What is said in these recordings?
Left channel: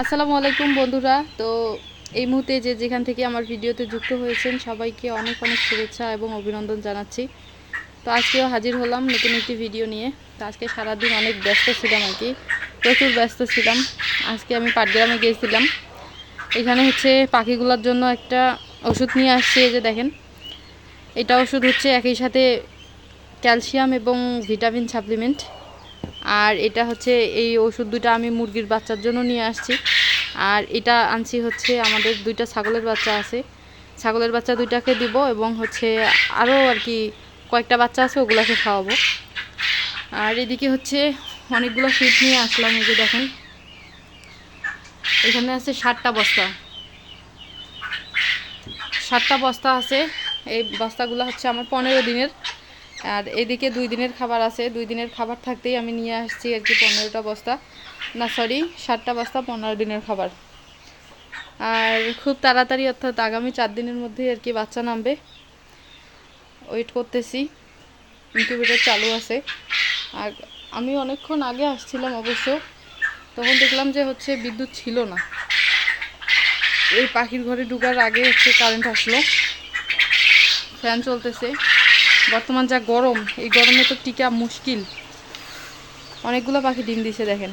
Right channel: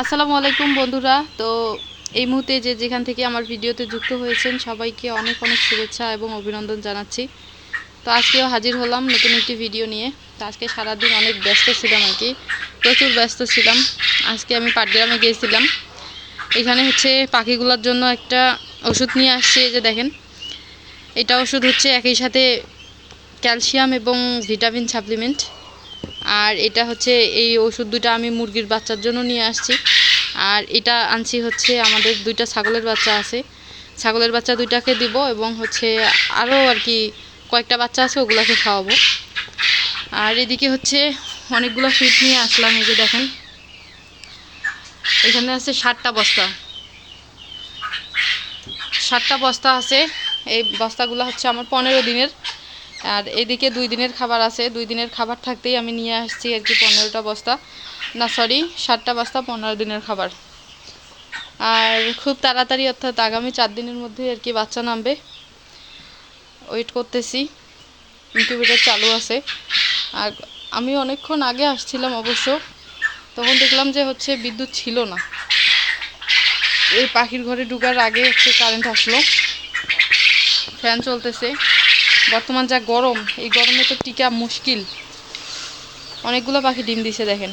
আসসালামু আলাইকুম বন্ধুরা। তো এই মুহূর্তে যেখান থেকে আমার ভিডিওতে যুক্ত হয়েছেন সবাইকে অনেক অনেক শুভেচ্ছা এবং অভিনন্দন জানাচ্ছি। তো আজকেও হাজির হলাম নতুন একটি ভিডিও নিয়ে। তো আজকে সারাদিন অনেক ব্যস্ত ছিলাম আর কি, প্রচুর ব্যস্ত ছিলাম। আজকে আমি পাটগ্রামে গিয়েছিলাম। এখানে হচ্ছে পাখিগুলোর জন্য একটা ওষুধ নিয়ে আসছি। এই যে দেখেন, এটা ওষুধ হচ্ছে একই সাথে ক্যালসিয়াম এবং ভিটামিন সাপ্লিমেন্ট। আর এটা হচ্ছে এই ওষুধ দুটো আমি মুরগির বাচ্চার জন্য নিয়ে আসছি। আর এটা আনছি হচ্ছে আমাদের দুইটা ছাগলের বাচ্চা আছে, ছাগলের বাচ্চা দুইটাকে দিব এবং হচ্ছে আরও আর কি কয়েকটা বাচ্চা আছে, ওগুলাকে খাওয়াবো। আর এদিকে হচ্ছে অনেকগুলো ফিড নিয়ে আসলাম। এই যে দেখেন, এখানে আছে 60টা বস্তা, 60টা বস্তা আছে। এই বস্তাগুলো হচ্ছে আমার 15 দিনের। আর এদিকে 2 দিনের খাবার আছে, 2 দিনের খাবার থাকতেই আমি নিয়ে আসছি আর কি 15টা বস্তা, না সরি 60টা বস্তা 15 দিনের খাবার। আর খুব তাড়াতাড়ি অর্থাৎ আগামী 4 দিনের মধ্যে আর কি বাচ্চা নামবে। ওয়েট করতেছি, ইনকিউবেটর চালু আছে। আর আমি অনেকক্ষণ আগে আসছিলাম অবশ্য, তখন দেখলাম যে হচ্ছে বিদ্যুৎ ছিল না। এই পাখির ঘরে ঢুকার আগে হচ্ছে কারেন্ট আসলো, ফ্যান চলতেছে। বর্তমান যা গরম, এই গরমে তো টিকা মুশকিল। অনেকগুলো পাখি ডিম দিছে দেখেন।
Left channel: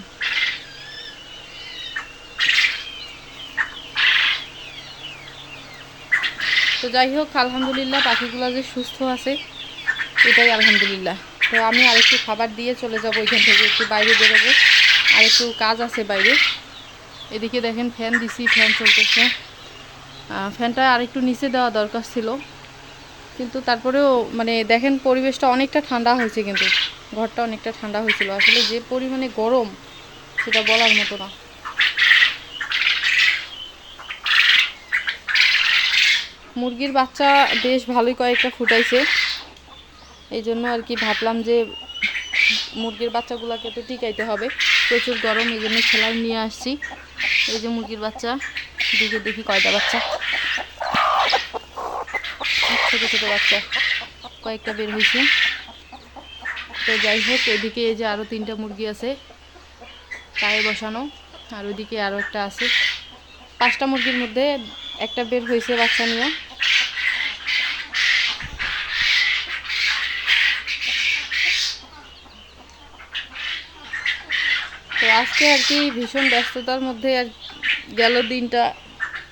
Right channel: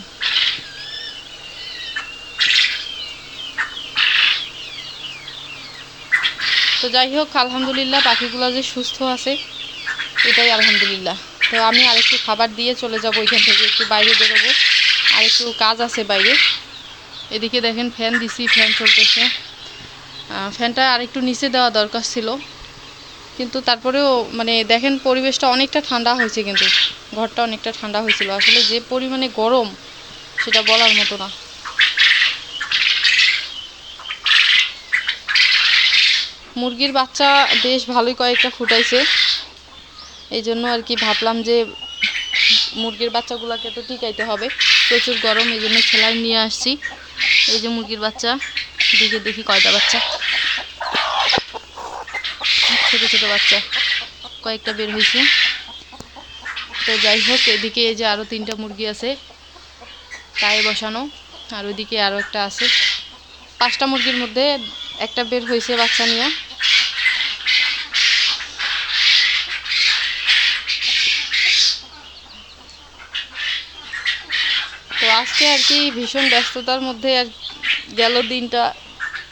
তো যাই হোক, আলহামদুলিল্লাহ পাখিগুলো যে সুস্থ আছে এটাই আলহামদুলিল্লাহ। তো আমি আরেকটু খাবার দিয়ে চলে যাব ওইখান থেকে, একটু বাইরে বেরোবো, আর একটু কাজ আছে বাইরে। এদিকে দেখেন ফ্যান দিছি, ফ্যান চলতেছে। ফ্যানটা আরেকটু নিচে দেওয়া দরকার ছিল, কিন্তু তারপরেও মানে দেখেন পরিবেশটা অনেকটা ঠান্ডা হয়েছে, কিন্তু ঘরটা অনেকটা ঠান্ডা হয়েছিল। আসলে যে পরিমাণে গরম সেটা বলার মতো না। মুরগির বাচ্চা বেশ ভালোই কয়েকটা ফুটাইছে, এই জন্য আর কি ভাবলাম যে মুরগির বাচ্চাগুলোকে তো টিকাইতে হবে, প্রচুর গরম, এই জন্য সেলাই নিয়ে আসছি। এই যে মুরগির বাচ্চা, দিকে দেখি কয়টা বাচ্চা, ছোট ছোট বাচ্চা কয়েকটা বের হয়েছে। তো যাই হোক, এদিকে এই যে আরও 3টা মুরগি আছে তাই বসানো, আর ওইদিকে আরও একটা আছে। 5টা মুরগির মধ্যে একটা বের হয়েছে বাচ্চা নিয়ে। তো আজকে আর কি ভীষণ ব্যস্ততার মধ্যে আর গেল দিনটা,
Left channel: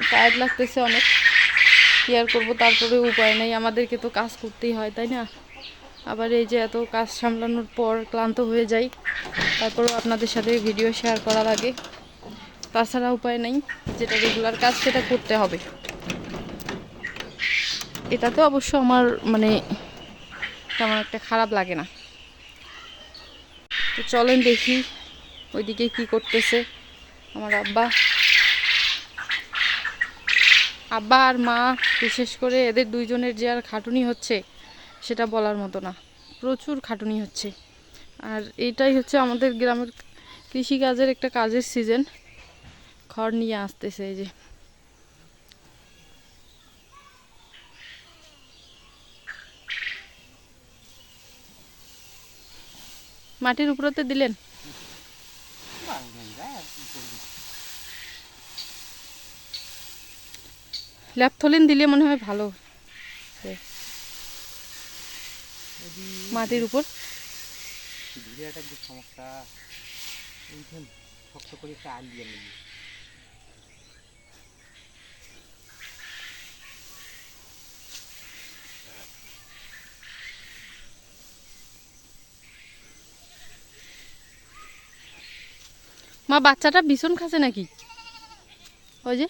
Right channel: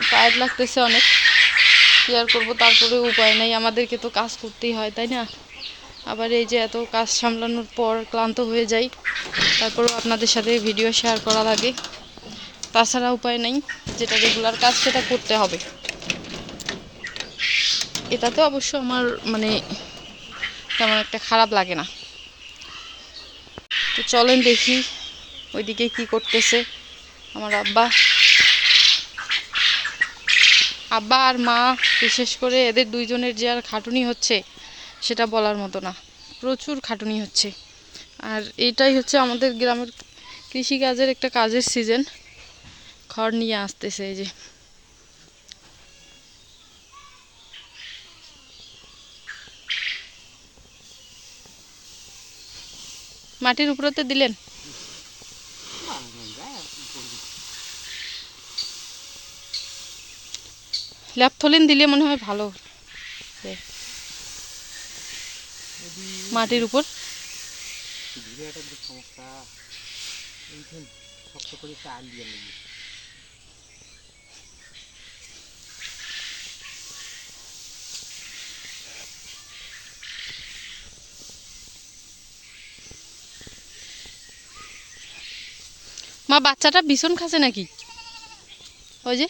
টায়ার্ড লাগতেছে অনেক। কি আর করবো, তারপরে উপায় নেই, আমাদেরকে তো কাজ করতেই হয় তাই না। আবার এই যে এত কাজ সামলানোর পর ক্লান্ত হয়ে যাই, তারপরেও আপনাদের সাথে ভিডিও শেয়ার করা লাগে, তাছাড়া উপায় নেই। যেটা রেগুলার কাজ সেটা করতে হবে। এটাতে অবশ্য আমার মানে তেমন একটা খারাপ লাগে না। তো চলেন দেখি ওইদিকে কি করতেছে আমার আব্বা। আব্বা আর মা, বিশেষ করে এদের দুইজনের যে আর খাটুনি হচ্ছে সেটা বলার মতো না, প্রচুর খাটুনি হচ্ছে। আর এটাই হচ্ছে আমাদের গ্রামের কৃষিকাজের একটা কাজের সিজন, খড় নিয়ে আসতেছে। এই যে মাটির উপরতে দিলেন, ল্যাপথলিন দিলে মনে হয় ভালো। মাটির উপর সমস্যা, শক্ত করে একটা আল দিয়ে নেবে। মা বাচ্চাটা ভীষণ খাচ্ছে নাকি? ওই যে